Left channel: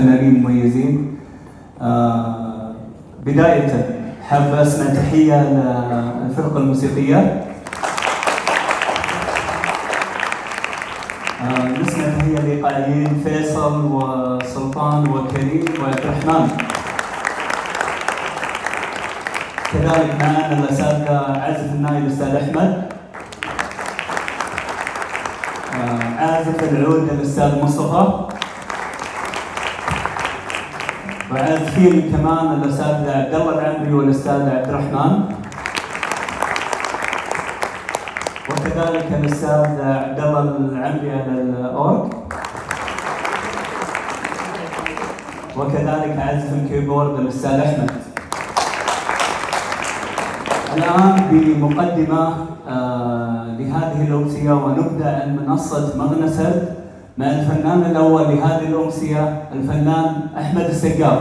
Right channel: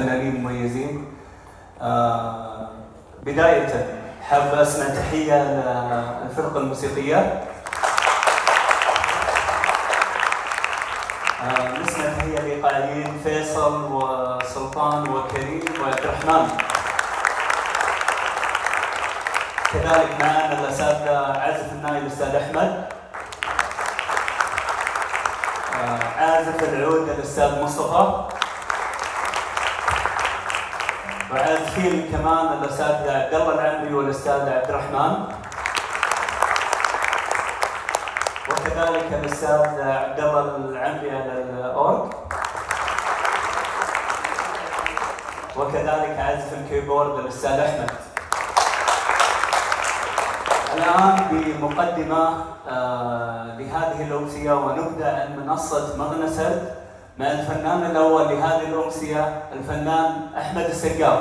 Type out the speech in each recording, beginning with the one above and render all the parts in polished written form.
فنانين مميزين. بداية حاب أسمع تحية للفرقة الموسيقية. نسمع تحية لإيقاعيين فيصل وسلطان وكريم وعبد الرحمن. كذلك معنا الأساتذة عازف الناي الأستاذ أحمد، عازف العود الأستاذ مصطفى، وعازفين كمان الأستاذ عبد الله العمري والأستاذ عبد الرحمن، وكذلك الأستاذ عبد الله العمري على الأورج، وكذلك عازف الكيبورد الأستاذ أحمد. الآن بمقدمة لهذه الأمسية، ونبدأ منصة مغنسة مع الفنان الأول لهذه الأمسية الفنان أحمد السقاف.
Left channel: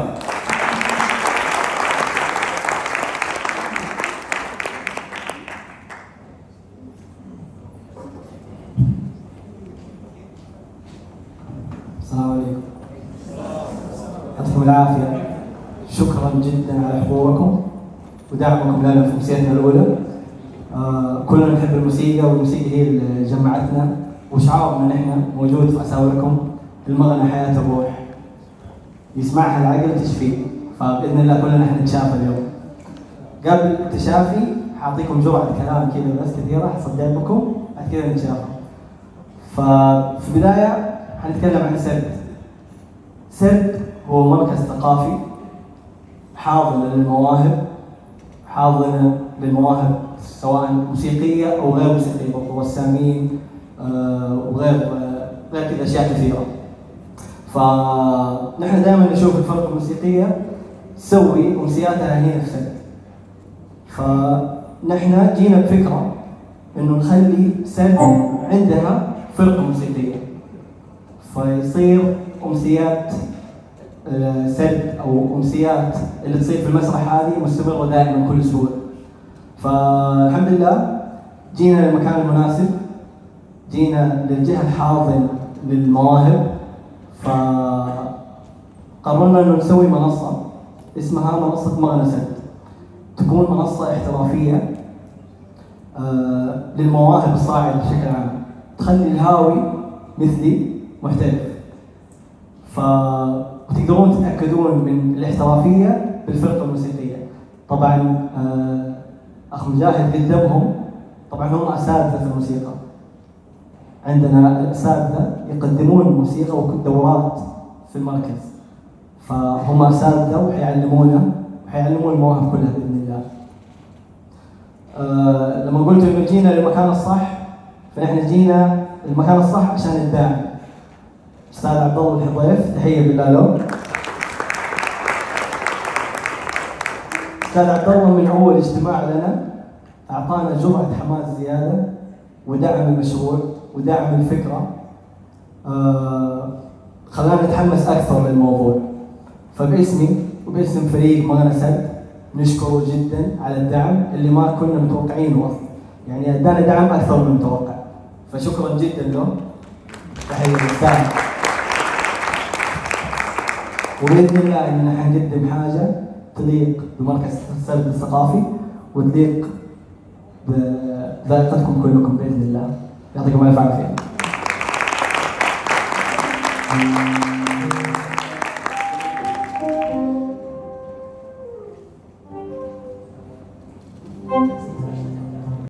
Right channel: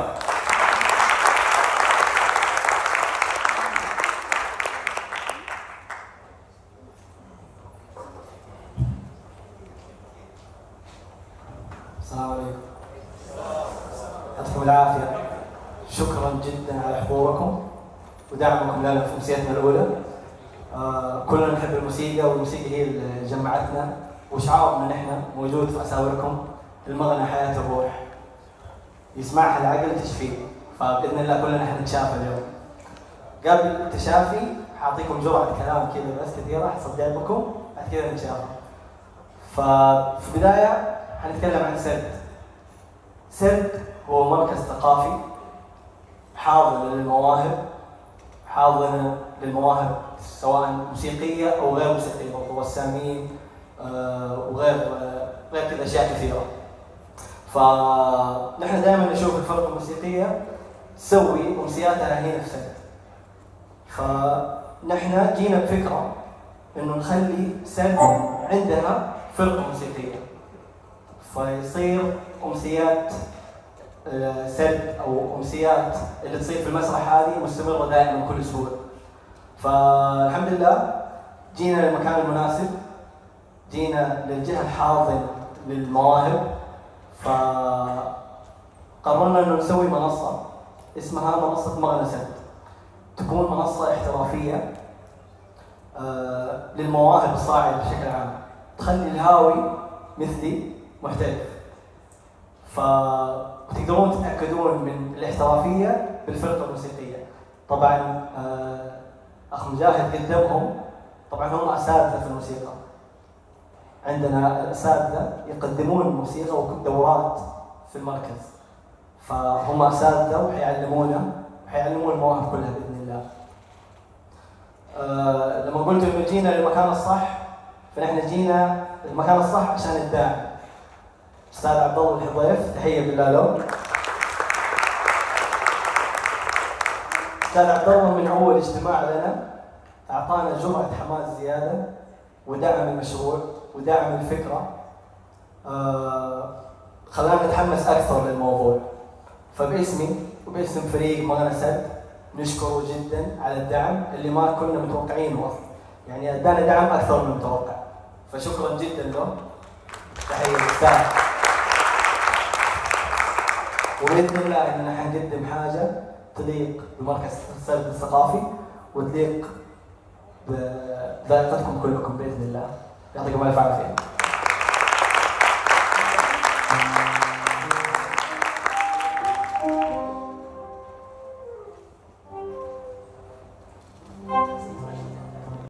السلام عليكم. يعطيكم العافية. شكرا جدا على حضوركم ودعمكم لنا في أمسيتنا الأولى. كلنا نحب الموسيقى، والموسيقى هي اللي جمعتنا، وشعارنا نحن موجود في أساوركم. المغنى حياة الروح، يسمعها العقل تشفيه، فبإذن الله كلنا نحن نتشافى اليوم. قبل التشافي حاعطيكم جرعة كلام كذا بس كثيرة حصدق لكم، بعد كذا نتشافى. ففي البداية حنتكلم عن سرد. سرد هو مركز ثقافي حاضن للمواهب، حاضن للمواهب سواء موسيقية أو غير موسيقية، رسامين وغير كذا أشياء كثيرة. فنحن دائما نشوف الفرق الموسيقية تسوي أمسياتها هي نفسها. فنحن جينا بفكرة إنه نخلي سرد عندها فرقة موسيقية، فيصير أمسيات سرد أو أمسيات اللي تصير في المسرح هذه مستمرة دائما بكل سهولة. فالحمد لله جينا للمكان المناسب، جينا للجهة الحاضنة للمواهب، فقررنا انه نسوي منصة اسمها منصة مغنسة، تكون منصة احترافية للمواهب الصاعدة بشكل عام، تخلي الهاوي مثلي محترف. فتقدرون تتأكدون من الاحترافية بالفرقة الموسيقية. طبعا أخ مجاهد قدمهم، طبعا هم أساتذة في الموسيقى. عندنا أساتذة يقدمون الموسيقى ودورات في المركز، فهم أساتذة وحيعلمونا المواهب كلها بإذن الله. لما قلت إنه جينا للمكان الصح، فإحنا جينا للمكان الصح عشان الداعم. أستاذ عبد الله الحضيف، تحية بالله. أستاذ عبد الله من أول اجتماع لنا أعطانا جرعة حماس زيادة ودعم المشروع ودعم الفكرة، خلانا نتحمس أكثر للموضوع. فباسمي وباسم فريق مغنسة نشكره جدا على الدعم اللي ما كنا متوقعينه أصلا، يعني ادانا دعم أكثر من المتوقع، فشكرا جدا لهم. تحية للدعم، وبإذن الله إننا حنقدم حاجة تليق بمركز السرد الثقافي وتليق بذائقتكم كلكم بإذن الله. يعطيكم الف عافيه.